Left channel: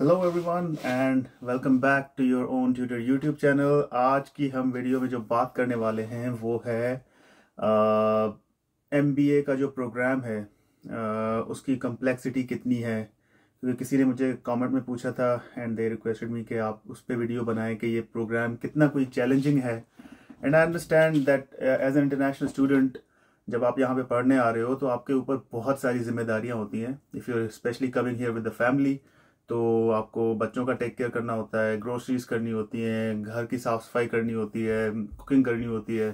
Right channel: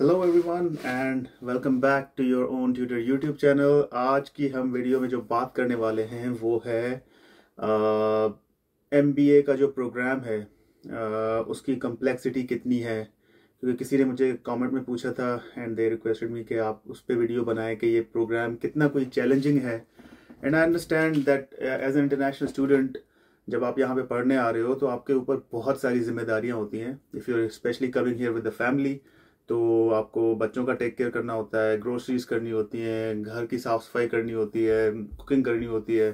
Hello everyone and welcome back to your own tutor YouTube channel. आज की हम video में जो बात करने वाले हैं वो है एमबीए का जो प्रोग्राम है, उसकी कम्प्लेक्सिटी कितनी है। क्योंकि किसी ने मुझे कमेंट में पूछा था एंड दे रिक्वेस्टेड मी कि आप उस पर वीडियो बनाएं कि ये प्रोग्राम कितना कोई चैलेंजिंग है। And I understand that as an international student जब आप यहाँ पे पढ़ने आ रहे हो तो आपके ऊपर बहुत सारी जिम्मेदारियाँ होती हैं। If you specially coming here with the family, तो आपको बच्चों का टेक केयर करना होता है, ग्रोसरीज करनी होती हैं, घर की साफ सफाई करनी होती है, कुकिंग करनी होती है।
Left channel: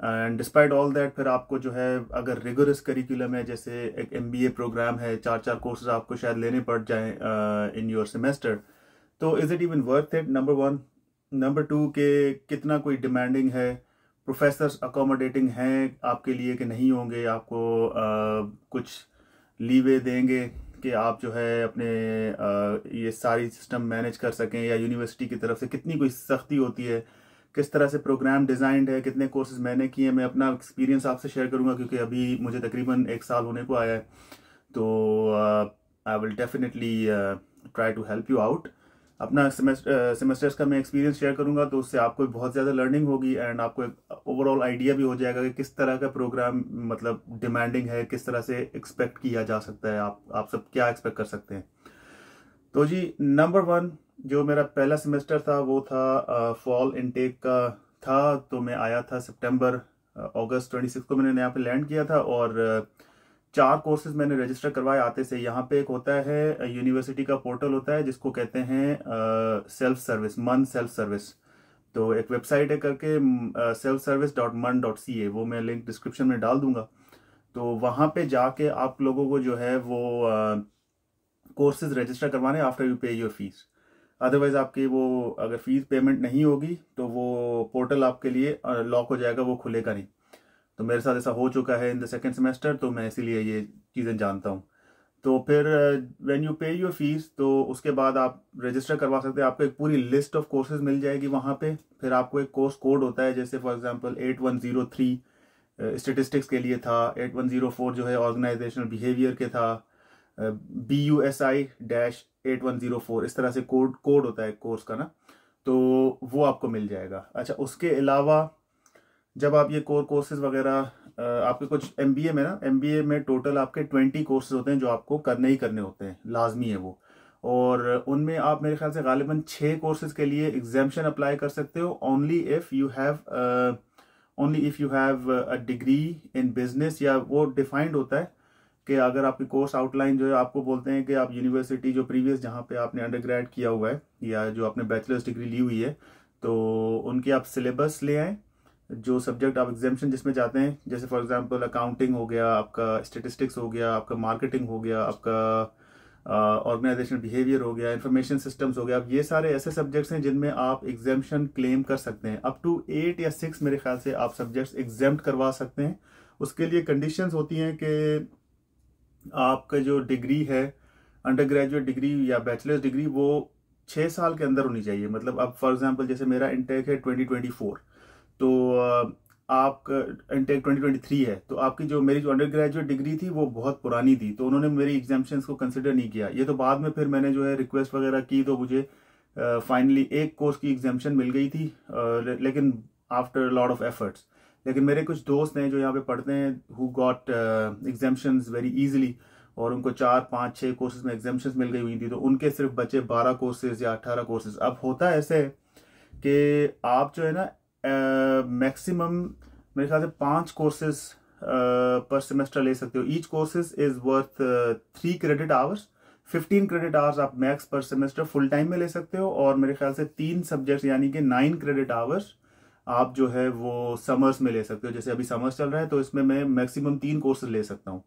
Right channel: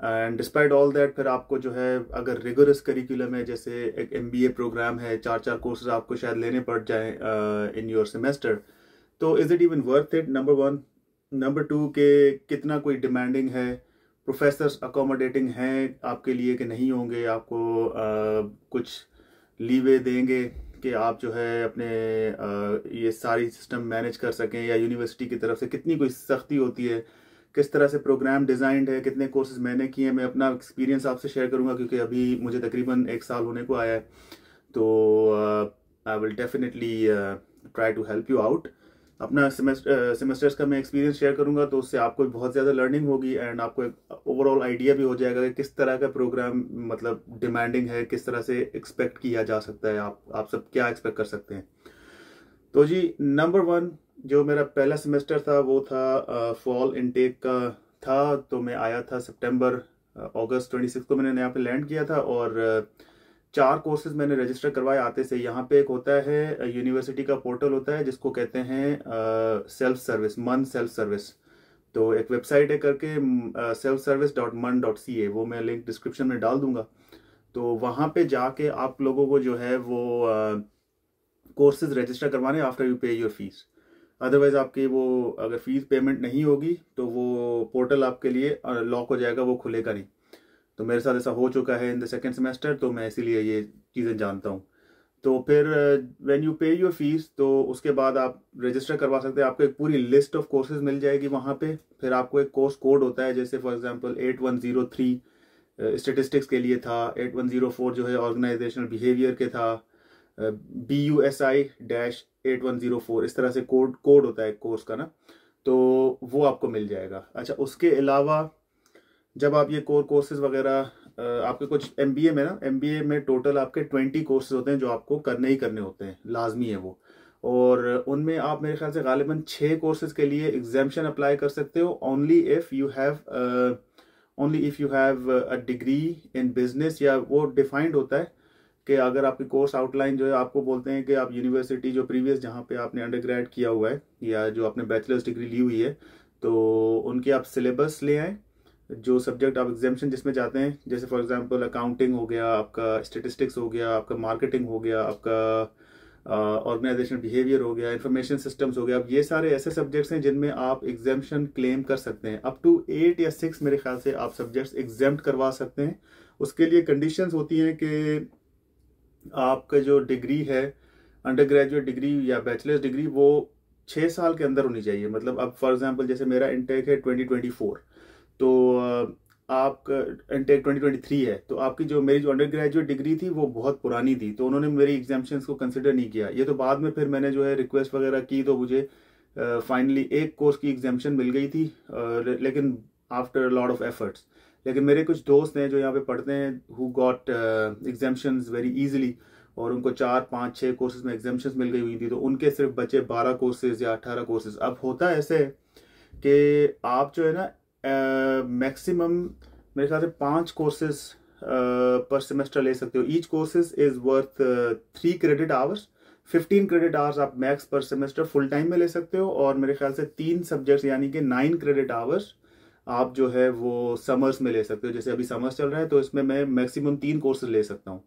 एंड डिस्पाइट ऑल दैट फिर आपको जो है, अगर रिगोरस करिकुलम है, जैसे एक एमबीए प्रोग्राम है, चार चार कोर्सेज आपको शायद लेने पड़ जाए इन योर सेमेस्टर, तो is it even worth it? Number one. Number two के कितना कोई डिमांडिंग है, प्रोफेसर्स अकोमोडेटिंग हैं आपके लिए कि नहीं होंगे, आपको कुछ लीवे देंगे कि आप जो है अपने ये सारी सिस्टम मैनेज कर सकें, या यूनिवर्सिटी की तरफ से कितनी कोई सख्ती होती है, किस तरह से प्रोग्राम डिज़ाइंड है, कितने कोर्सेज मैंने किए हैं। मैं अपना एक्सपीरियंस आपसे शेयर करूंगा क्योंकि अभी मुझे तकरीबन 1 साल होने को आया है। तो I will definitely try to help you out. अपना सेमेस्टर्स का मैं एक्सपीरियंस शेयर करूंगा, तो उससे आपको बहुत ज़्यादा लर्निंग होगी एंड आपको एक ओवरऑल आइडिया भी हो जाएगा कि किस तरह का प्रोग्राम मतलब डिमांडिंग है, किस तरह से एक्सपेक्ट किया जा सकता है, आप सब क्या एक्सपेक्ट कर सकते हैं। तो जी, नंबर वन, जो मेरा पहला सेमेस्टर था वो था फॉल इनटेक का था। तो मैं आया था सितंबर अगस्त 26 को मैंने यहाँ पे लैंड किया था, और 4 कोर्सेज मैंने रजिस्टर करवाए आते से। यहाँ पे एक होता है यूनिवर्सिटी का पोर्टल होता है जिसको कहते हैं सेल्फ सर्विस, मन सेल्फ सर्विस। तो एक वेबसाइट है करके selfservice.mun.ca, वो मैं लिंक डिस्क्रिप्शन में डाल दूंगा। तो वहाँ पे जाके आप लोगों को जो है वो कोर्सेज रजिस्टर करवाने आफ्टर यू पे योर फीस। अदरवाइज आपकी वो अगर फीस पेमेंट नहीं होगी तो वो पोर्टल आपके लिए लॉक हो जाएगा, वो खुलेगा नहीं। तो मेरे साथ ऐसा हो चुका है इन द सेकेंड सेमेस्टर, तो मैं इसीलिए ये चीज़ें जानता हूँ। तो फिर व्हेन यू पे योर फीस, तो उसके बाद आप रजिस्टर करवा सकते हैं। आपको एक पूरी लिस्ट ऑफ कोर्सेज मिल जाएगी वहाँ पे। फिर आपको एक कोर्स कोड होता है, जैसे फॉर एग्जांपल 8103 स्टेटिस्टिक्स के लिए था, 8104 जो है ऑर्गेनाइजेशनल बिहेवियर के था, BUSI-8104, इस तरह से कोड होता है कोर्स का ना। तो वो आपको मिल जाएगा। अच्छा, उसके अलावा जब आप ये कोर्सेज वगैरह आपके कुछ एमबीए में ना, एमबीए में टोटल आपके 20 कोर्सेज होते हैं जो आपको करने ही करने होते हैं, लाजमी है वो। और उनमें आप मेरे ख्याल से गालिबन 6 कोर्सेज के लिए एग्जाम्शन अप्लाई कर सकते हो, only if you have a degree in business, या वो डिफाइंड होता है कि अगर आपकी कोर्स आउटलाइन जो है, आपको बोलते हैं कि आप यूनिवर्सिटी जो प्रीवियस जहाँ पे आपने अंडरग्रेड किया हुआ है या जो आपने बैचलर्स डिग्री ली हुई है, तो उनके आप सिलेबस ले आएँ, जो सब्जेक्ट आप एग्जाम्शन जिसमें जाते हैं। जैसे फॉर एग्जांपल अकाउंटिंग हो गया, आपका स्टेटिस्टिक्स हो गया, आपका मार्केटिंग हो गया, आपका ऑर्गेनाइजेशनल बिहेवियर हो गया, इंफॉर्मेशन सिस्टम्स हो गया। अब ये सारे ऐसे सब्जेक्ट्स हैं जिनमें आप एग्जाम्शन क्लेम कर सकते हैं। अप टू 8 या 6 मेरे ख्याल से आप सब्जेक्ट्स एग्जाम्प्ट करवा सकते हैं। उसके लिए कंडीशंस होती हैं कि आपका जो डिग्री है, अंडर ग्रेजुएट डिग्री या बैचलर्स डिग्री, वो 6 साल के अंदर होनी चाहिए। मतलब अब फॉर एग्जांपल जैसे मेरा इंटेक है 2024, तो आपका इंटेक 2023 है, तो आपकी जो मेरी जो अंडर ग्रेजुएट डिग्री थी वो बहुत पुरानी थी, तो उन्होंने मेरी एग्जाम्शंस को कंसिडर नहीं किया। ये तो बाद में फिर मैंने जो है रिक्वेस्ट वगैरह की, तो मुझे फाइनली एक कोर्स की एग्जाम्शन मिल गई थी, लेकिन आफ्टर लॉट ऑफ एफर्ट्स। लेकिन मेरे कुछ दोस्त हैं जो यहाँ पे पढ़ते हैं, who got exemptions very easily, और उनको 4, 5, 6 कोर्सेज में एग्जाम्शंस मिल गई हुई थी, तो उनके सिर्फ बचे 12 कोर्सेज या 18 कोर्सेज। अब होता है ऐसे कि आप जो है ना मैक्सिमम मेरे ख्याल से 5 कोर्सेज पर सेमेस्टर ले सकते हो। Each courses is worth 3 credit hours, 15 credit hours आप मैक्स पर सेमेस्टर फुल टाइम में ले सकते हो। और मेरे ख्याल से 3 सब्जेक्ट्स यानी कि 9 क्रेडिट आवर्स आप जो है वो समर्स में ले सकते हो। जैसे अभी समर्स चल रहा है, तो इसमें मैं मैक्सिमम 3 कोर्सेज ले सकता हूँ।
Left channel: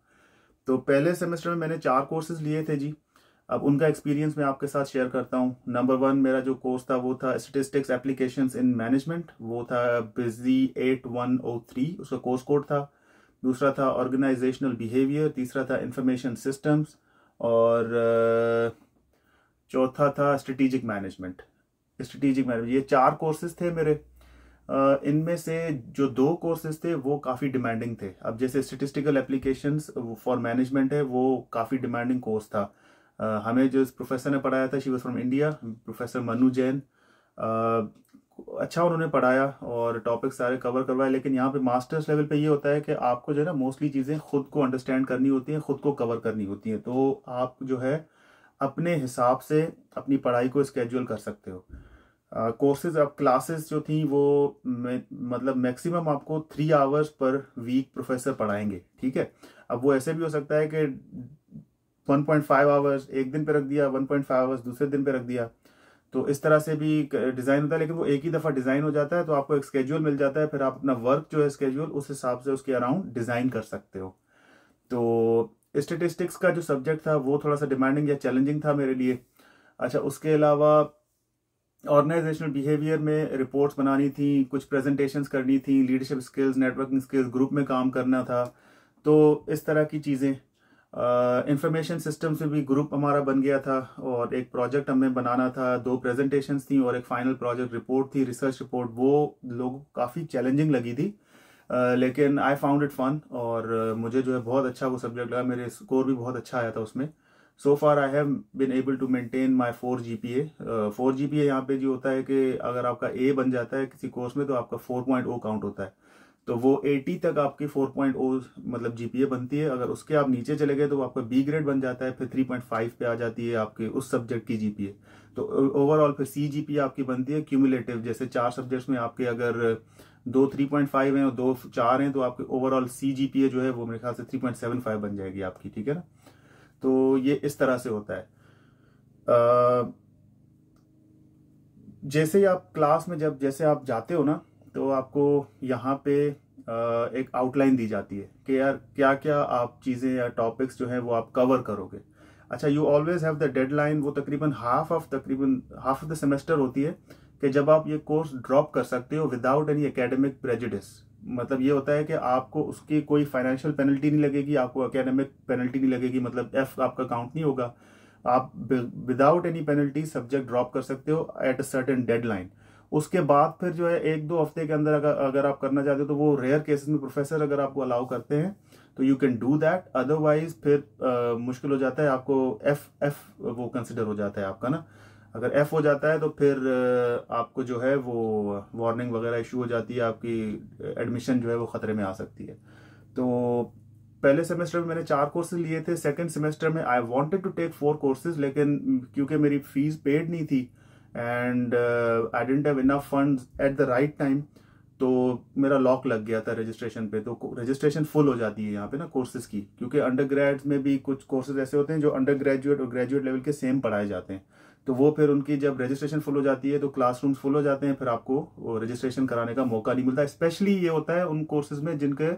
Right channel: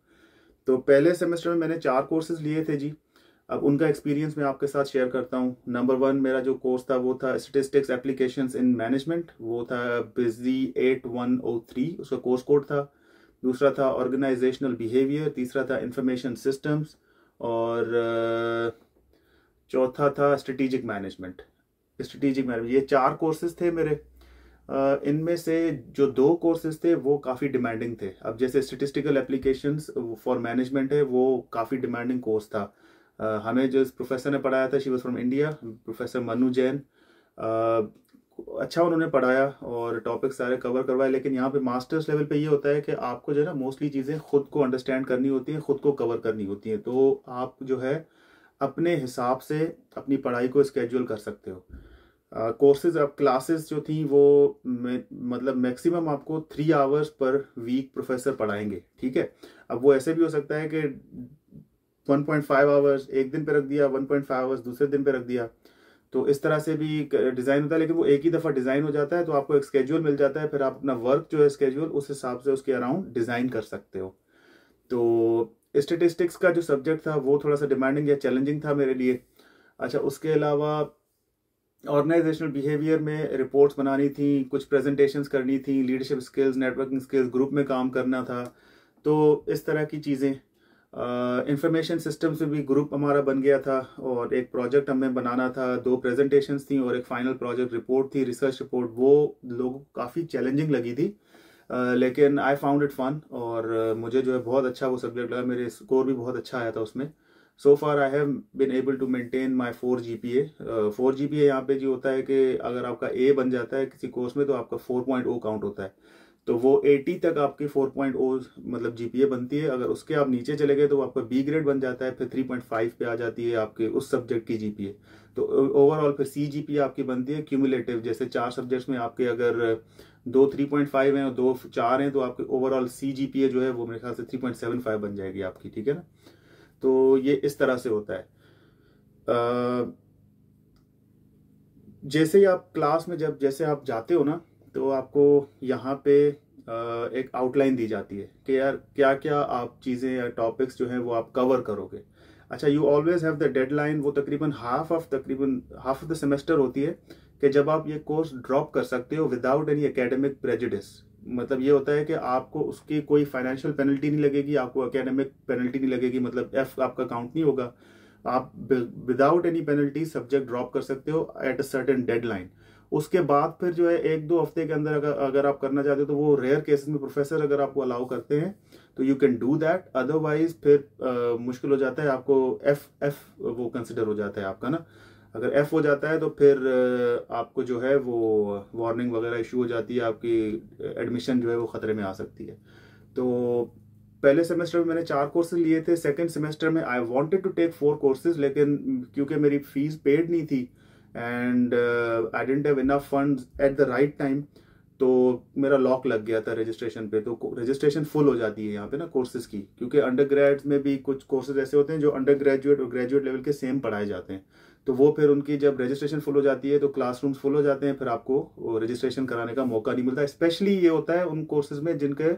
तो पहले सेमेस्टर में मैंने 4 कोर्सेज लिए थे जी। अब उनका एक्सपीरियंस मैं आपके साथ शेयर करता हूँ। नंबर 1 मेरा जो कोर्स था वो था स्टेटिस्टिक्स एप्लीकेशंस इन मैनेजमेंट, वो था बिजी 8103, उसका कोर्स कोड था। दूसरा था ऑर्गेनाइजेशनल बिहेवियर, तीसरा था इंफॉर्मेशन सिस्टम्स, और चौथा था स्ट्रेटेजिक मैनेजमेंट। ये 4 कोर्सेज थे मेरे। इनमें से जो 2 कोर्सेज थे वो काफ़ी डिमांडिंग थे। अब जैसे स्टेटिस्टिकल एप्लीकेशंस फॉर मैनेजमेंट है, वो काफ़ी डिमांडिंग कोर्स था। हमें जो प्रोफेसर ने पढ़ाया था, she was from India, professor Manu Jain. अच्छा उन्होंने पढ़ाया और टॉपिक सारे कवर करवाए, लेकिन यहाँ पे मास्टर्स लेवल पे ये होता है कि आपको जो है ना मोस्टली चीज़ें खुद को अंडरस्टैंड करनी होती हैं, खुद को कवर करनी होती हैं। तो आप जो है अपने हिसाब से अपनी पढ़ाई को स्केड्यूल कर सकते हो। कोर्सेज अब क्लासेस जो थी वो मतलब मैक्सिमम आपको 3 आवर्स पर वीक प्रोफेसर पढ़ाएंगे, ठीक है। अब वो ऐसे भी हो सकता है कि 1.5 आवर्स एक दिन पे रख दिया, 1.5 आवर्स दूसरे दिन पे रख दिया, तो इस तरह से भी डिज़ाइन होता है। लेकिन वो एक ही दफ़ा डिज़ाइन हो जाता है, तो आपको एक स्केड्यूल मिल जाता है, फिर आप अपना वर्क जो है स्केड्यूल उस हिसाब से उसके अराउंड डिज़ाइन कर सकते हो। तो स्टेटिस्टिक्स का जो सब्जेक्ट था वो थोड़ा सा डिमांडिंग या चैलेंजिंग था मेरे लिए। अच्छा, उसके अलावा ऑर्गेनाइजेशनल बिहेवियर में रिपोर्ट्स बनानी थी, कुछ प्रेजेंटेशंस करनी थी, leadership skills, networking skills, group में काम करना था, तो इस तरह की चीज़ें। इंफॉर्मेशन सिस्टम्स में भी ग्रुप हमारा बन गया था और एक प्रोजेक्ट हमें बनाना था, 2 प्रेजेंटेशंस थी और एक फाइनल प्रोजेक्ट रिपोर्ट थी, रिसर्च रिपोर्ट। वो लोगों को काफ़ी चैलेंजिंग लगी थी, लेकिन आई फाउंड इट फन और मुझे जो है बहुत अच्छा वो सब्जेक्ट लगा, मेरे स्कोर भी बहुत अच्छा आया था उसमें। So far I have been able to maintain my 4 GPA। 4 GPA यहाँ पे जो होता है कि अगर आपका A बन जाता है किसी कोर्स में तो आपका 4.0 काउंट होता है, तो वो 80 तक आपकी 4.0 मतलब GPA बनती है। अगर उसके आप नीचे चले गए तो आपका B ग्रेड बन जाता है, फिर 3.5 पे आ जाती है आपके उस सब्जेक्ट की GPA। तो ओवरऑल फिर C GPA आपकी बनती है क्यूमुलेटिव, जैसे 4 सब्जेक्ट्स में आपके अगर 2 3.5 हैं और 2 4 हैं, तो आपके ओवरऑल C GPA जो है वो मेरे ख्याल से 3.75 बन जाएगी आपकी, ठीक है ना। तो ये इस तरह से होता है। जैसे ही आप क्लास में जैसे आप जाते हो ना, तो आपको यहाँ पे एक आउटलाइन दी जाती है कि यार क्या क्या आप चीज़ें या टॉपिक्स जो हैं वो आप कवर करोगे। अच्छा, you always have the deadline. वो तकरीबन हाफ ऑफ द सेमेस्टर होती है कि जब आप ये कोर्स ड्रॉप कर सकते हो विदाउट एनी एकेडमिक प्रेजुडिस। मतलब ये होता है कि आपको उसकी कोई फाइनेंशियल पेनल्टी नहीं लगेगी, आपको एकेडमिक पेनल्टी नहीं लगेगी, मतलब F आपका काउंट नहीं होगा। आप without any penalty subject drop कर सकते हो एट अ सर्टेन डेडलाइन। उसके बाद फिर जो है 1-2 हफ्ते के अंदर अगर आप करना चाहते हो तो वो रेयर केसेस में प्रोफेसर अगर आपको अलाउ करते हैं तो you can do that. Otherwise फिर मुश्किल हो जाता है, आपको एफ वो कंसिडर हो जाता है आपका ना। अगर F हो जाता है तो फिर आपको जो है वो वार्निंग वगैरह इशू हो जाती है, आपकी एडमिशन जो है वो खतरे में आ सकती है। तो पहले सेमेस्टर में मैंने 4 कोर्सेज लिए थे। सेकंड सेमेस्टर में I wanted to take 4 courses, लेकिन क्योंकि मेरी फीस पेड नहीं थी and I didn't have enough funds at the right time, तो मेरा लॉक लग गया था रजिस्ट्रेशन पे। तो रजिस्ट्रेशन फुल हो जाती है यहाँ पे ना कोर्सेज की, क्योंकि अंडर ग्रेड्स में भी कुछ कोर्सेज ऐसे होते हैं जो अंडर ग्रेजुएट और ग्रेजुएट लेवल के सेम पढ़ाए जाते हैं। तो वो फिर उनकी जब रजिस्ट्रेशन फुल हो जाती है तो क्लासरूम्स फुल हो जाते हैं, फिर आपको रजिस्ट्रेशन कराने का मौका नहीं मिलता। स्पेशली ये होता है उन कोर्सेज में जिनके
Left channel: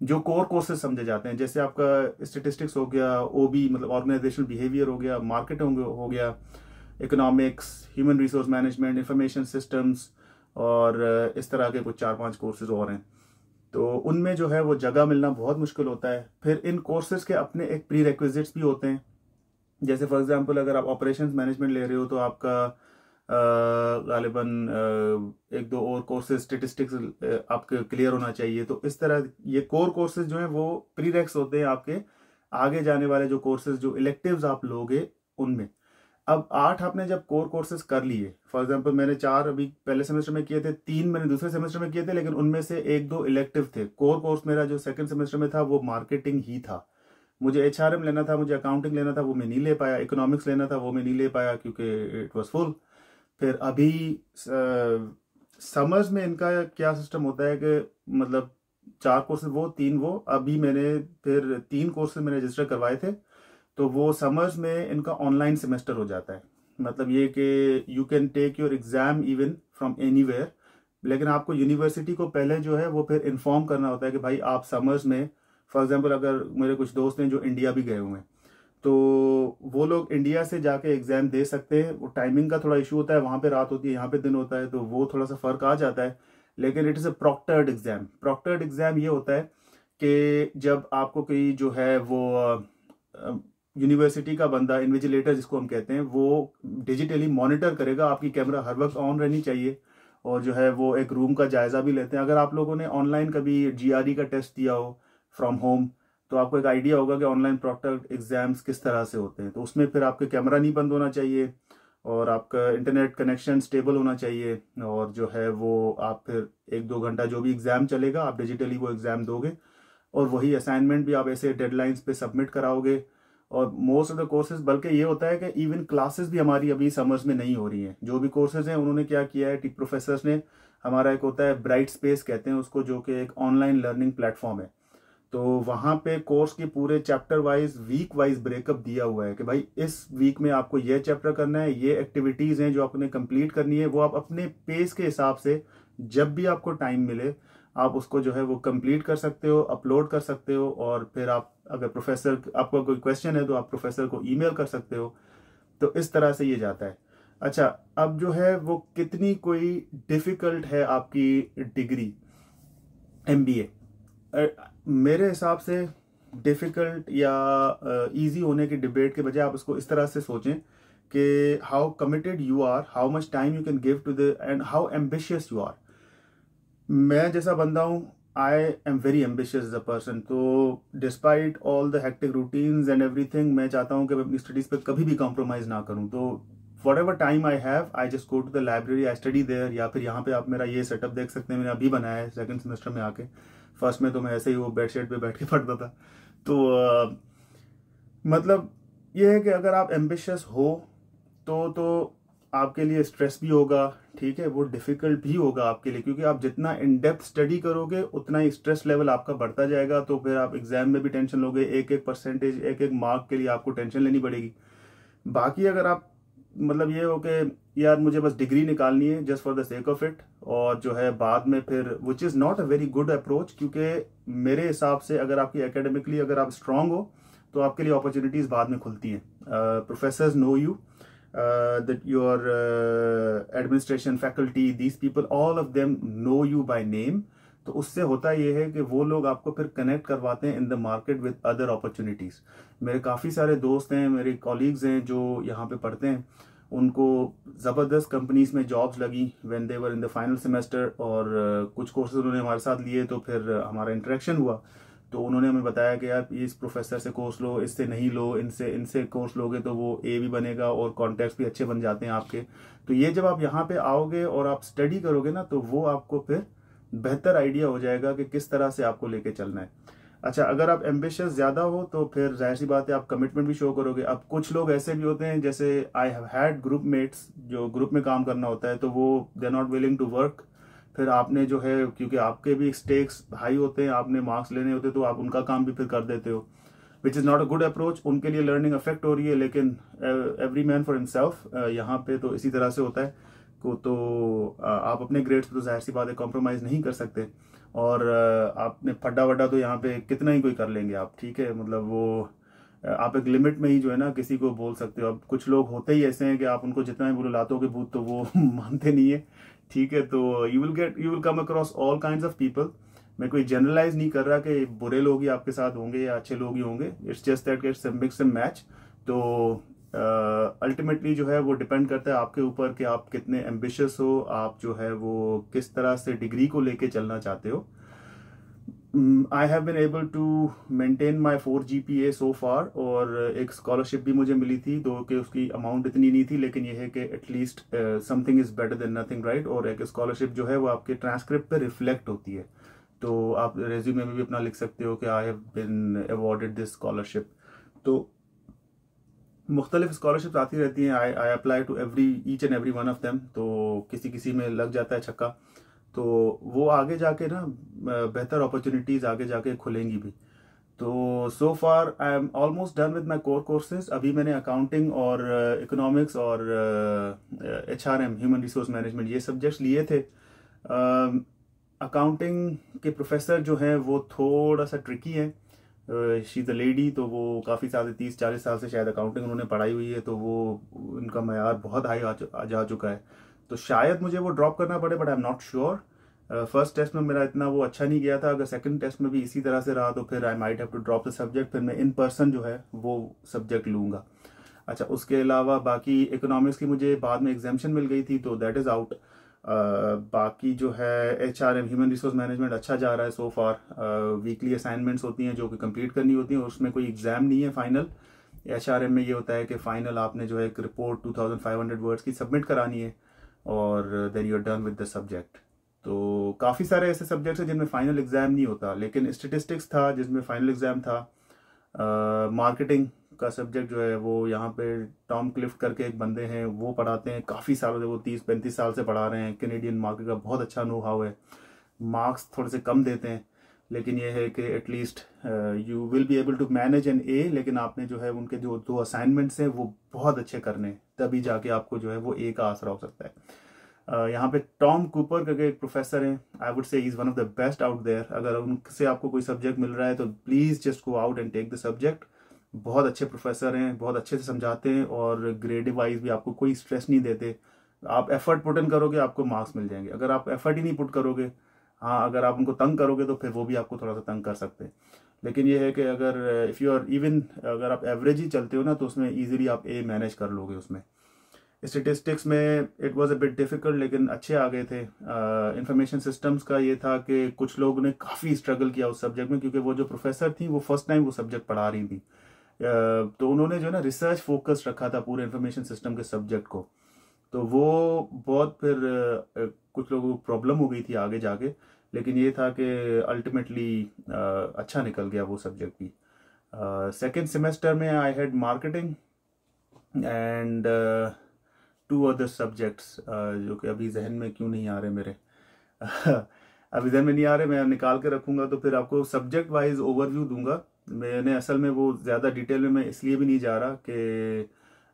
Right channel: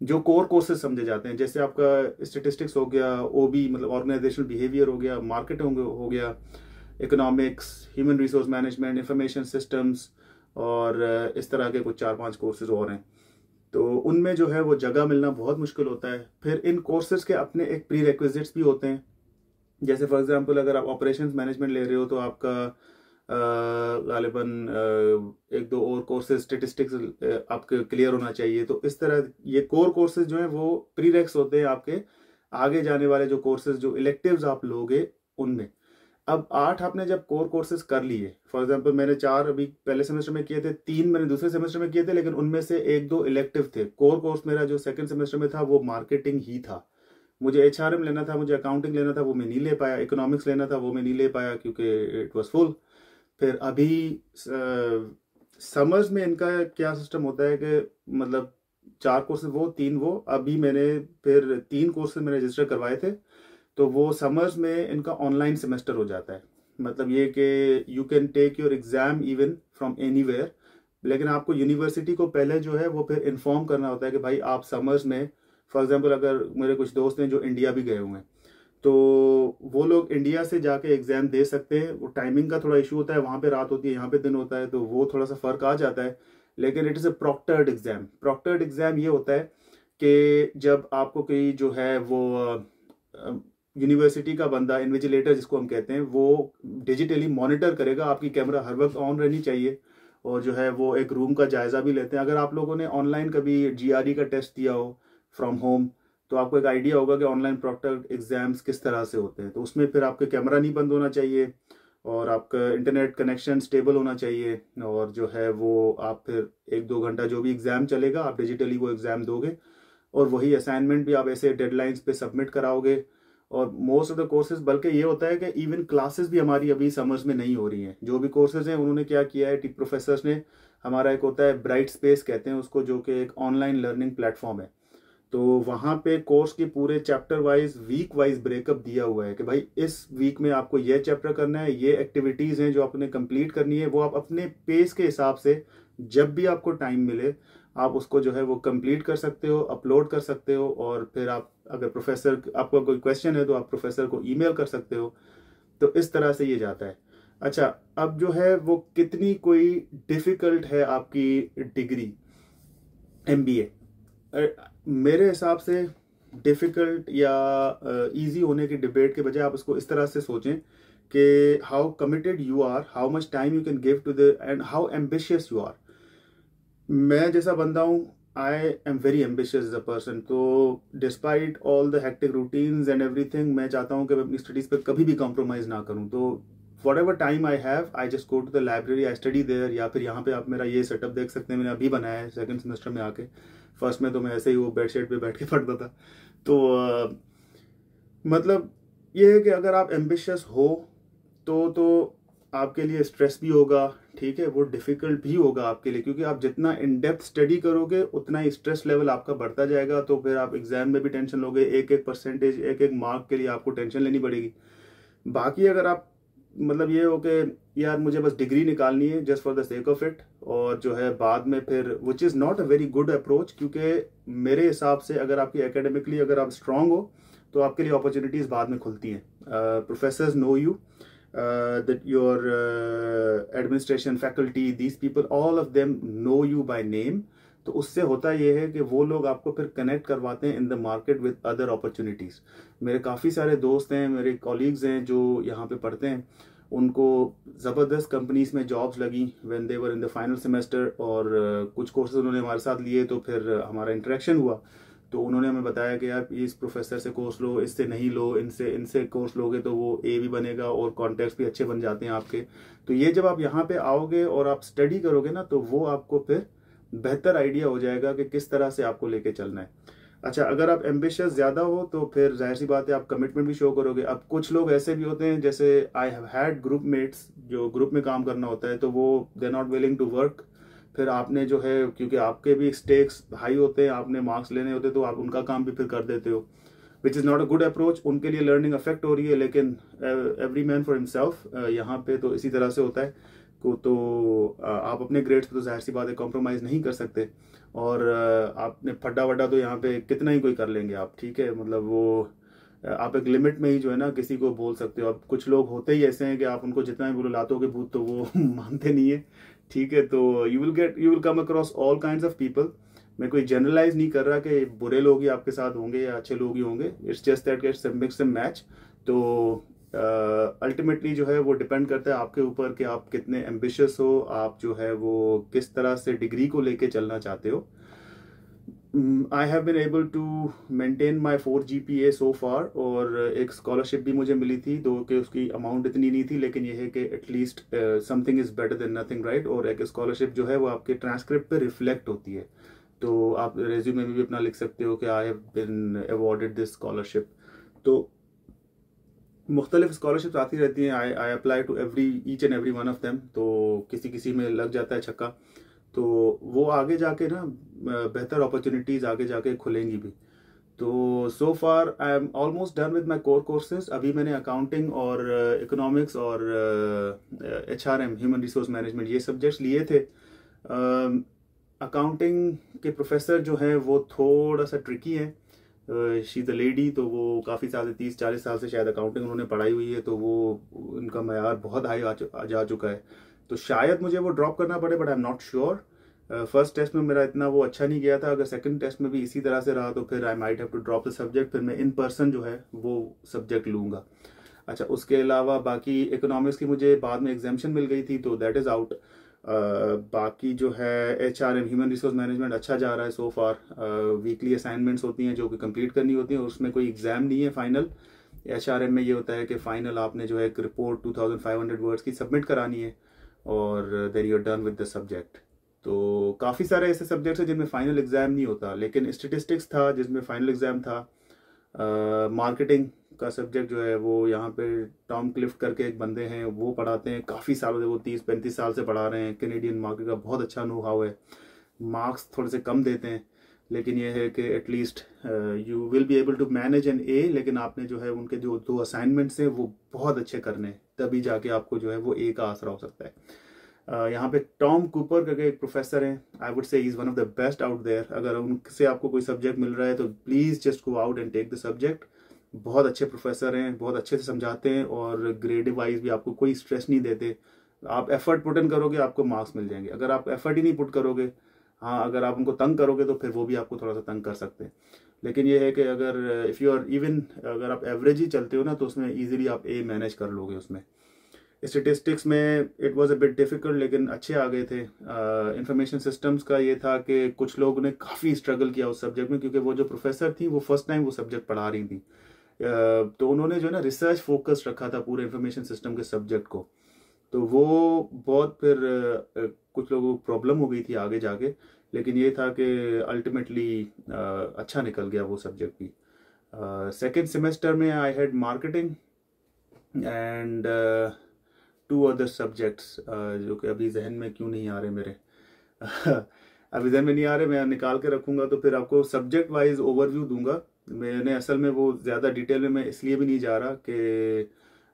जो कोर कोर्सेज समझे जाते हैं, जैसे आपका स्टेटिस्टिक्स हो गया, OB मतलब ऑर्गेनाइजेशनल बिहेवियर हो गया, मार्केटिंग हो गया, economics, human resource management, information systems, और इस तरह के कुछ 4-5 कोर्सेज और हैं। तो उनमें जो है वो जगह मिलना बहुत मुश्किल होता है। फिर इन कोर्सेज के अपने एक प्री रिक्विजिट्स भी होते हैं। जैसे फॉर एग्जांपल अगर आप ऑपरेशंस मैनेजमेंट ले रहे हो तो आपका गालिबन 1-2 और कोर्सेज स्टेटिस्टिक्स आपके क्लियर होना चाहिए। तो इस तरह ये कोर कोर्सेज जो है वो प्रीरेक्स होते हैं आपके आगे जाने वाले जो कोर्सेज, जो इलेक्टिव्स आप लोगे उनमें। अब 8 आपने जब कोर कोर्सेज कर लिए, फॉर एग्जांपल मैंने 4 अभी पहले सेमेस्टर में किए थे, 3 मैंने दूसरे सेमेस्टर में किए थे, लेकिन उनमें से 1-2 इलेक्टिव थे। कोर कोर्स मेरा जो सेकंड सेमेस्टर में था वो मार्केटिंग ही था। मुझे HRM लेना था, मुझे अकाउंटिंग लेना था, वो मैं नहीं ले पाया। इकोनॉमिक्स लेना था, वो मैं नहीं ले पाया क्योंकि इट वाज फुल। फिर अभी समर्स में इनका क्या सिस्टम होता है कि मतलब 4 कोर्सेज वो 3 वो, अभी मैंने फिर 3 कोर्सेज मैंने रजिस्टर करवाए थे, तो वो समर्स में इनका ऑनलाइन सेमेस्टर हो जाता है। मतलब ये कि you can take your exam even from anywhere, लेकिन आपको यूनिवर्सिटी को पहले जो है वो फिर इन्फॉर्म करना होता है कि भाई आप समर्स में, फॉर एग्जांपल अगर मेरे कुछ दोस्त हैं जो इंडिया भी गए हुए हैं, तो वो लोग इंडिया से जाके एग्जाम दे सकते हैं। वो टाइमिंग का थोड़ा इशू होता है, वहाँ पे रात होती है, यहाँ पे दिन होता है, तो वो थोड़ा सा फर्क आ जाता है। लेकिन it is a proctored exam. Proctored exam ये होता है कि जब आपको कोई जो है वो यूनिवर्सिटी का बंदा, इन्विजिलेटर जिसको हम कहते हैं, वो डिजिटली मॉनिटर करेगा, आपकी कैमरा हर वक्त ऑन रहनी चाहिए, और जो है वो एक रूम का जायजा भी लेते हैं। अगर आप लोगों ने ऑनलाइन कभी GRE का टेस्ट दिया हो फ्रॉम होम, तो आपको एक आइडिया होगा कि ऑनलाइन प्रॉक्टर्ड एग्जाम्स किस तरह से होते हैं। तो उसमें फिर आपका कैमरा नहीं बंद होना चाहिए और आपका इंटरनेट कनेक्शन स्टेबल होना चाहिए, और जो है वो आप फिर 1-2 घंटा जो भी एग्ज़ाम चलेगा आप डिजिटली वो एग्ज़ाम दोगे, और वही असाइनमेंट भी आप ऐसे डेडलाइंस पे सबमिट कराओगे। और मोस्ट ऑफ द कोर्सेज, बल्कि ये होता है कि इवन क्लासेस भी हमारी अभी समर्स में नहीं हो रही हैं। जो भी कोर्सेज हैं उन्होंने क्या किया है, प्रोफेसर्स ने, हमारा एक होता है ब्राइट स्पेस कहते हैं उसको, जो कि एक ऑनलाइन लर्निंग प्लेटफॉर्म है। तो वहाँ पे कोर्स की पूरे chapter wise, week wise breakup दिया हुआ है कि भाई इस वीक में आपको ये चैप्टर करना है, ये एक्टिविटीज़ हैं जो आपने कंप्लीट करनी है, वो आप अपने पेस के हिसाब से जब भी आपको टाइम मिले आप उसको जो है वो कंप्लीट कर सकते हो, अपलोड कर सकते हो, और फिर आप अगर प्रोफेसर आपको कोई क्वेश्चन है तो आप प्रोफेसर को ईमेल कर सकते हो। तो इस तरह से ये जाता है। अच्छा, अब जो है वो कितनी कोई डिफ़िकल्ट है आपकी डिग्री MBA, मेरे हिसाब से डिफ़िकल्ट या इजी होने की डिबेट के बजाय आप इसको इस तरह से सोचें कि how committed you are, how much time you can give to the, and how ambitious you are. मैं जैसा बंदा हूँ, I am very ambitious as a person. तो despite all the hectic routines and everything, मैं चाहता हूँ कि मैं अपनी स्टडीज़ पे कभी भी कॉम्प्रोमाइज़ ना करूँ। तो whatever time I have, I just go to the library, I study there. या फिर यहाँ पे आप मेरा ये सेटअप देख सकते हैं, मैंने अभी बनाया है सेकंड सेमेस्टर में आके। फर्स्ट में तो मैं ऐसे ही वो बेडशीट पे बैठ के पढ़ता था। तो मतलब ये है कि अगर आप एम्बिशियस हो तो आपके लिए स्ट्रेस भी होगा, ठीक है, वो डिफ़िकल्ट भी होगा आपके लिए, क्योंकि आप जितना इन डेप्थ स्टडी करोगे उतना ही स्ट्रेस लेवल आपका बढ़ता जाएगा। तो फिर आप एग्जाम में भी टेंशन लोगे, एक एक परसेंटेज, एक एक मार्क के लिए आपको टेंशन लेनी पड़ेगी। बाकी अगर आप मतलब ये हो कि यार मुझे बस डिग्री निकालनी है just for the sake of it, और जो है बाद में फिर, which is not a very good approach, क्योंकि मेरे हिसाब से अगर आपकी एकेडमिकली अगर आप स्ट्रांग हो तो आपके लिए अपॉर्चुनिटीज़ बाद में खुलती हैं। Professors know you, that your administration faculty, these people, all of them know you by name। तो उससे होता ये है कि वो लोग आपको फिर कनेक्ट करवाते हैं in the market with other opportunities. मेरे काफ़ी सारे दोस्त हैं, मेरे कॉलीग्स हैं जो यहाँ पे पढ़ते हैं, उनको ज़बरदस्त कंपनीज में जॉब्स लगी when they were in the final semester, और कुछ कोर्सेज उन्होंने हमारे साथ लिए, तो फिर हमारा इंटरेक्शन हुआ। तो उन्होंने हमें बताया कि यार इस प्रोफेसर से कोर्स लो, इससे नहीं लो, इनसे कोर्स लोगे तो वो A भी बनेगा और कॉन्टैक्ट्स भी अच्छे बन जाते हैं आपके। तो ये जब आप यहाँ पे आओगे और आप स्टडी करोगे ना, तो वो आपको फिर बेहतर आइडिया हो जाएगा कि किस तरह से आपको लेके चलना है। अच्छा, अगर आप एम्बिशियस ज़्यादा हो तो फिर जाहिर सी बात है आप कमिटमेंट भी शो करोगे। अब कुछ लोग ऐसे भी होते हैं, जैसे I have had group mates, जो ग्रुप में काम करना होता है तो वो they are not willing to work. फिर आपने जो है, क्योंकि आपके भी स्टेक्स हाई होते हैं, आपने मार्क्स लेने होते हैं, तो आप उनका काम भी फिर कर देते हो, which is not a good approach. उनके लिए लर्निंग अफेक्ट हो रही है, लेकिन एवरी मैन फॉर हिमसेल्फ। यहाँ पे तो इसी तरह से होता है तो आप अपने ग्रेड्स पे तो जाहिर सी बात है कॉम्प्रोमाइज़ नहीं कर सकते, और आपने फड्डा वड्डा तो यहाँ पे कितना ही कोई कर लेंगे आप, ठीक है, मतलब वो आप एक लिमिट में ही जो है ना किसी को बोल सकते हो। अब कुछ लोग होते ही ऐसे हैं कि आप उनको जितना भी बोलो लातों के भूत, तो वो मानते नहीं है, ठीक है। तो you will come across all kinds of people. मैं कोई जनरलाइज नहीं कर रहा कि बुरे लोग ही आपके साथ होंगे या अच्छे लोग ही होंगे, it's just that it's mix and match. तो अल्टीमेटली जो है वो डिपेंड करता है आपके ऊपर कि आप कितने एम्बिशियस हो, आप जो है वो किस तरह से डिग्री को लेके चलना चाहते हो। I have been able to maintain my 4 GPA so far, और एक स्कॉलरशिप भी मुझे मिली थी, तो कि उसकी अमाउंट इतनी नहीं थी, लेकिन ये है कि at least something is better than nothing, right. और एक स्कॉलरशिप जो है वो आपके ट्रांसक्रिप्ट पे रिफ्लेक्ट होती है, तो आप रेज्यूमे में भी अपना लिख सकते हो कि I have been awarded this scholarship. तो मुख्तलिफ स्कॉलरशिप आती रहती हैं, I apply to each and every one of them. तो किसी किसी में लग जाता है छक्का, तो वो आगे जाके ना बेहतर अपॉर्चुनिटीज़ आगे जाके खुलेंगी भी। तो so far I am almost done with my core courses. अभी मैंने अकाउंटिंग और इकोनॉमिक्स और HRM, ह्यूमन रिसोर्स मैनेजमेंट, ये सब्जेक्ट्स लिए थे। अकाउंटिंग के प्रोफेसर जो हैं वो थोड़ा सा ट्रिकी है। शी इज़ अ लेडी, तो वो काफ़ी साल, 30-40 साल से शायद अकाउंटिंग उन्होंने पढ़ाई हुई है, तो वो उनका मयार बहुत हाई जा चुका है। तो शायद मुझे वो ड्रॉप करना पड़े, but I am not sure. First test में मेरा इतना वो अच्छा नहीं गया था, अगर सेकंड टेस्ट में भी इसी तरह से रहा तो फिर I might have to drop the subject, फिर मैं इन पर्सन जो है वो सब्जेक्ट लूँगा। अच्छा, उसके अलावा बाकी इकोनॉमिक्स की मुझे बाद में एग्जामेशन मिल गई थी, तो दैट इज़ आउट। बाकी जो है HRM ह्यूमन रिसोर्स मैनेजमेंट अच्छा जा रहा है सो फार। वीकली असाइनमेंट्स होती हैं जो कि कंप्लीट करनी होती हैं, उसमें कोई एग्ज़ाम नहीं है फाइनल। HRM में ये होता है कि फाइनल आपने जो है एक रिपोर्ट 2500 वर्ड्स की सबमिट करानी है और then you are done with the subject. तो काफ़ी सारे ऐसे सब्जेक्ट्स हैं जिनमें फाइनल एग्ज़ाम नहीं होता, लेकिन स्टेटिस्टिक्स था जिसमें फाइनल एग्ज़ाम था। मार्केटिंग का सब्जेक्ट जो है वो यहाँ पे टॉम क्लिफ्ट करके एक बंदे हैं, वो पढ़ाते हैं काफ़ी सालों से, वो 30-35 साल से पढ़ा रहे हैं। कैनेडियन मार्केट का बहुत अच्छा नो हाउ है। मार्क्स थोड़े से कम देते हैं, लेकिन ये है कि at least you will be able to manage an A, लेकिन आपने जो है उनके जो 2 असाइनमेंट्स हैं वो बहुत अच्छे करने, तभी जाके आपको जो है वो ए का आसरा हो सकता है। यहाँ पे टॉम कूपर करके एक प्रोफेसर हैं, I would say he is one of the best out there. अगर उनसे आपको कोई सब्जेक्ट मिल रहा है तो please just go out and take the subject. बहुत अच्छे प्रोफेसर हैं, बहुत अच्छे से समझाते हैं और ग्रेड वाइज भी आपको कोई स्ट्रेस नहीं देते। आप एफर्ट पुट इन करोगे आपको मार्क्स मिल जाएंगे। अगर आप एफर्ट ही नहीं पुट करोगे, हाँ अगर आप उनको तंग करोगे तो फिर वो भी आपको थोड़ा सा तंग कर सकते हैं। लेकिन ये है कि अगर इफ़ यू आर इवन अगर आप एवरेज ही चलते हो ना तो उसमें ईजिली आप ए मैनेज कर लोगे। उसमें स्टेटिस्टिक्स में it was a bit difficult, लेकिन अच्छे आ गए थे। इंफॉर्मेशन सिस्टम्स का ये था कि कुछ लोगों ने काफ़ी स्ट्रगल किया उस सब्जेक्ट में, क्योंकि वो जो प्रोफेसर थी वो फर्स्ट टाइम वो सब्जेक्ट पढ़ा रही थी। तो उन्होंने जो है ना रिसर्च फोकस रखा था पूरे इंफॉर्मेशन सिस्टम के सब्जेक्ट को, तो वो बहुत फिर कुछ लोगों को प्रॉब्लम हो गई थी आगे जाके। लेकिन ये था कि अल्टीमेटली अच्छा निकल गया वो सब्जेक्ट भी। सेकेंड सेमेस्टर में I had marketing and 2 other subjects जो कि अभी जहन में क्यों नहीं आ रहे मेरे अभी जहन में नहीं आ रहे, मैं निकाल के रखूंगा तो फिर आपको सब्जेक्ट वाइज ओवरव्यू दूंगा। मैंने असल में वो ज़्यादा डिटेल में मैं इसलिए भी नहीं जा रहा कि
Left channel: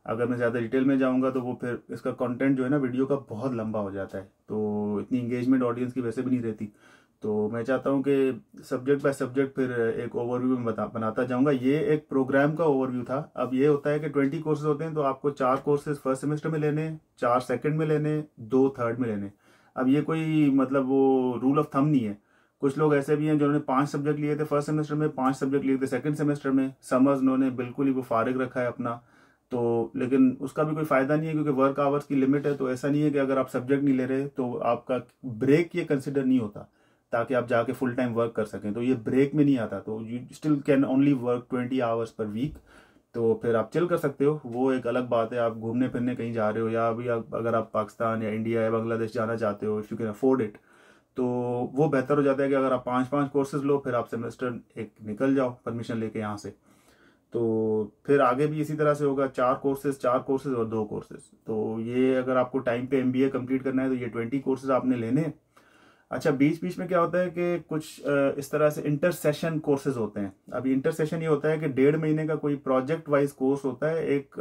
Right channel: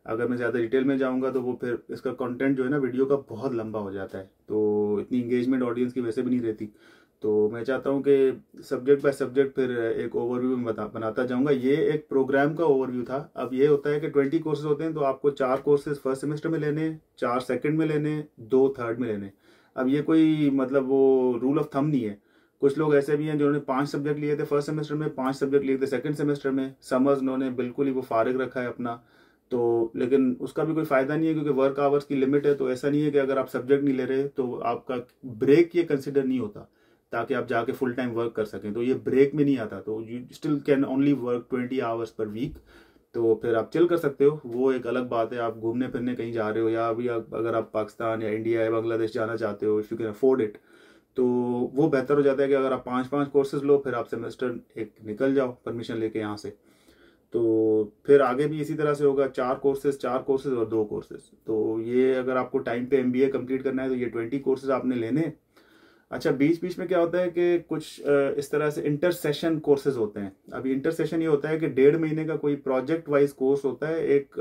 अगर मैं ज़्यादा डिटेल में जाऊंगा तो वो फिर इसका कंटेंट जो है ना वीडियो का बहुत लंबा हो जाता है, तो इतनी इंगेजमेंट ऑडियंस की वैसे भी नहीं रहती। तो मैं चाहता हूँ कि सब्जेक्ट बाय सब्जेक्ट फिर एक ओवरव्यू में बनाता जाऊंगा। ये एक प्रोग्राम का ओवरव्यू था। अब ये होता है कि 20 कोर्सेज होते हैं, तो आपको 4 कोर्सेज फर्स्ट सेमेस्टर में लेने, 4 सेकंड में लेने, 2 थर्ड में लेने। अब ये कोई मतलब वो रूल ऑफ थंब नहीं है। कुछ लोग ऐसे भी हैं जिन्होंने 5 सब्जेक्ट लिए थे फर्स्ट सेमेस्टर में, 5 सब्जेक्ट लिए थे सेकंड सेमेस्टर में। समझ उन्होंने बिल्कुल ही वो फारिग रखा है अपना, तो लेकिन उसका भी कोई फ़ायदा नहीं है क्योंकि वर्क आवर्स की लिमिट है। तो ऐसा नहीं है कि अगर आप सब्जेक्ट नहीं ले रहे तो आपका ब्रेक ये कंसिडर नहीं होता ताकि आप जाके फुल टाइम वर्क कर सकें, तो ये ब्रेक में नहीं आता। तो you still can only work 20 hours per week, तो फिर आप चिल कर सकते हो, वो एक अलग बात है। आप घूमने फिरने कहीं जा रहे हो या अभी अगर आप पाकिस्तान या इंडिया या बांग्लादेश जाना चाहते हो, if you can afford it, तो वो बेहतर हो जाता है कि अगर आप 5-5 कोर्सेज लो, फिर आप सेमेस्टर एक निकल जाओ परमिशन लेके यहाँ से। तो फिर आगे भी इसी तरह से होगा, 4 कोर्सेज और 2 कोर्सेज। तो ये अगर आपको टाइम पे MBA कंप्लीट करना है तो ये 20 कोर्सेज आपने लेने। अच्छा, बीच बीच में क्या होता है कि कुछ इस तरह से इंटर सेशन कोर्सेज होते हैं। अभी इंटर सेशन ये होता है कि 1.5 महीने का कोई प्रोजेक्ट वाइज कोर्स होता है। एक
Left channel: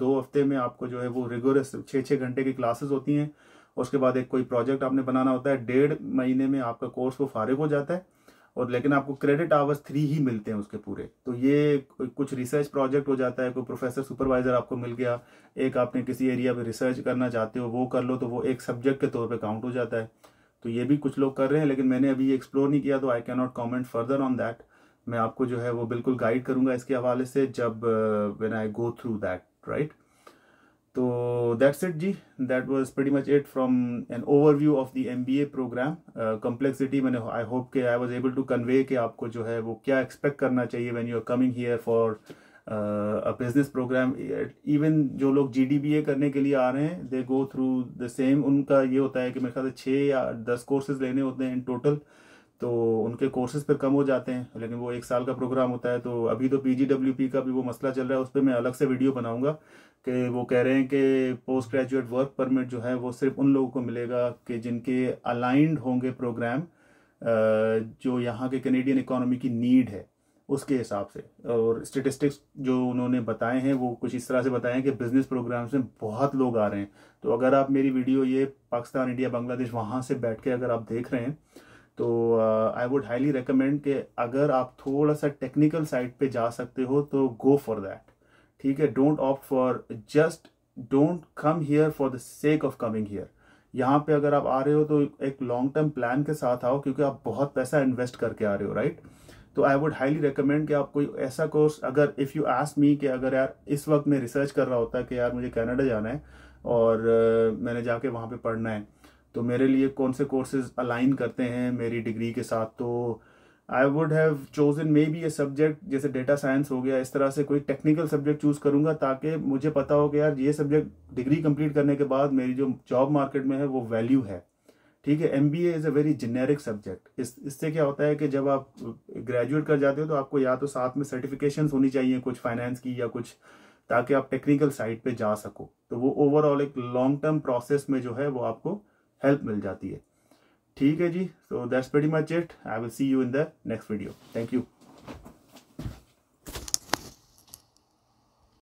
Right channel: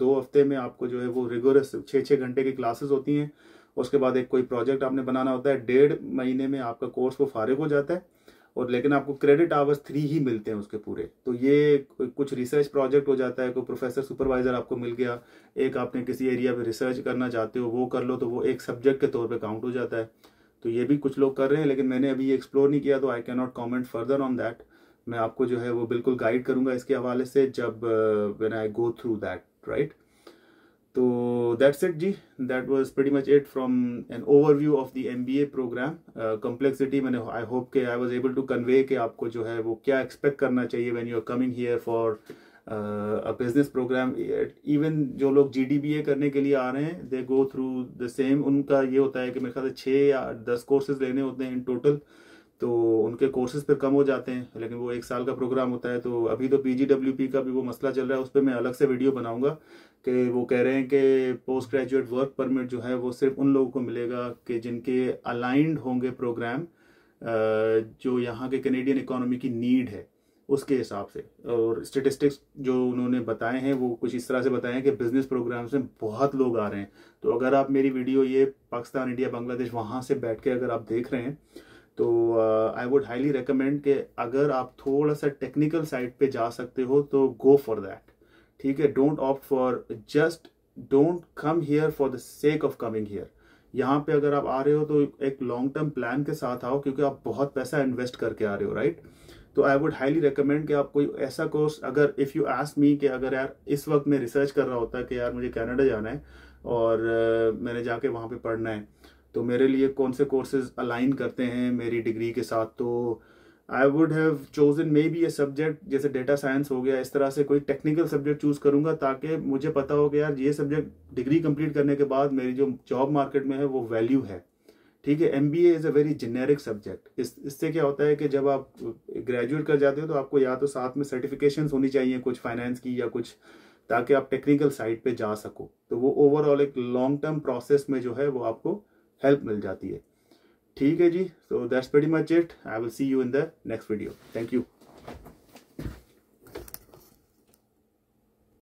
2 हफ्ते में आपको जो है वो रिगोरस 6-6 घंटे की क्लासेस होती हैं। उसके बाद एक कोई प्रोजेक्ट आपने बनाना होता है। 1.5 महीने में आपका कोर्स वो फारिग हो जाता है, और लेकिन आपको क्रेडिट आवर्स 3 ही मिलते हैं उसके पूरे। तो ये कुछ रिसर्च प्रोजेक्ट हो जाता है, कोई प्रोफेसर सुपरवाइजर आपको मिल गया, एक आपने किसी एरिया में रिसर्च करना चाहते हो वो कर लो, तो वो एक सब्जेक्ट के तौर पे काउंट हो जाता है। तो ये भी कुछ लोग कर रहे हैं, लेकिन मैंने अभी एक्सप्लोर नहीं किया, तो I can not comment further on that. मैं आपको जो है वो बिल्कुल गाइड करूंगा इसके हवाले से जब when I go through that, right. तो दैट्स इट जी, that was pretty much it from an overview of the MBA प्रोग्राम। कॉम्प्लेक्सिटी मैंने आई होप के I was able to convey कि आपको जो है वो क्या एक्सपेक्ट करना चाहिए when you are coming here for a business program. Even जो लोग GDBA करने के लिए आ रहे हैं, they go through the same. उनका ये होता है कि मेरे ख्याल से 6 या 10 कोर्सेज लेने होते हैं इन टोटल, तो उनके कोर्सेज फिर कम हो जाते हैं, लेकिन वो 1 साल का प्रोग्राम होता है। तो अभी तो PGWP का भी वो मसला चल रहा है, उस पर मैं अलग से वीडियो बनाऊंगा कि वो कह रहे हैं कि पोस्ट ग्रेजुएट वर्क परमिट जो है वो सिर्फ उन लोगों को मिलेगा कि जिनके अलाइंड होंगे प्रोग्राम जो यहाँ के कैनेडियन इकोनॉमी की नीड है उसके हिसाब से। और स्टेटिस्टिक्स जो उन्होंने बताए हैं वो कुछ इस तरह से बताए हैं कि बिजनेस प्रोग्राम्स में बहुत लोग आ रहे हैं। तो अगर आप मेरी वीडियो ये पाकिस्तान, इंडिया, बांग्लादेश वहाँ से बैठ के अगर आप देख रहे हैं तो आई वुड हाईली रिकमेंड कि अगर आप थोड़ा सा टेक्निकल साइड पे जा सकते हो तो गो फॉर दैट, ठीक है। Don't opt for, just don't come here for the sake of coming here. यहाँ पे अगर आप आ रहे हो तो एक लॉन्ग टर्म प्लान के साथ आओ, क्योंकि आप बहुत पैसा इन्वेस्ट करके आ रहे हो, राइट। तो आई वुड हाईली रिकमेंड कि आप कोई ऐसा कोर्स, अगर इफ़ यू आस्क मी कि अगर यार इस वक्त मैं रिसर्च कर रहा होता है कि यार मुझे कनाडा जाना है और मैंने जाके वहाँ पे पढ़ना है, तो मेरे लिए कौन से कोर्सेज अलाइन करते हैं मेरी डिग्री के साथ, तो I would have chosen may be a subject जैसे डेटा साइंस हो गया, इस तरह से कोई टेक्निकल सब्जेक्ट चूज करूंगा ताकि मुझे पता हो कि यार ये सब्जेक्ट डिग्री कंप्लीट करने के बाद मेरी जो जॉब मार्केट में है वो वैल्यू है। ठीक है, MBA is a very generic subject. इससे क्या होता है कि जब आप ग्रेजुएट कर जाते हो तो आपको या तो साथ में सर्टिफिकेशंस होनी चाहिए कुछ फाइनेंस की या कुछ, ताकि आप टेक्निकल साइड पे जा सको, तो वो ओवरऑल एक लॉन्ग टर्म प्रोसेस में जो है वो आपको हेल्प मिल जाती है। ठीक है जी, so that's very much it. I will see you in the next video. Thank you.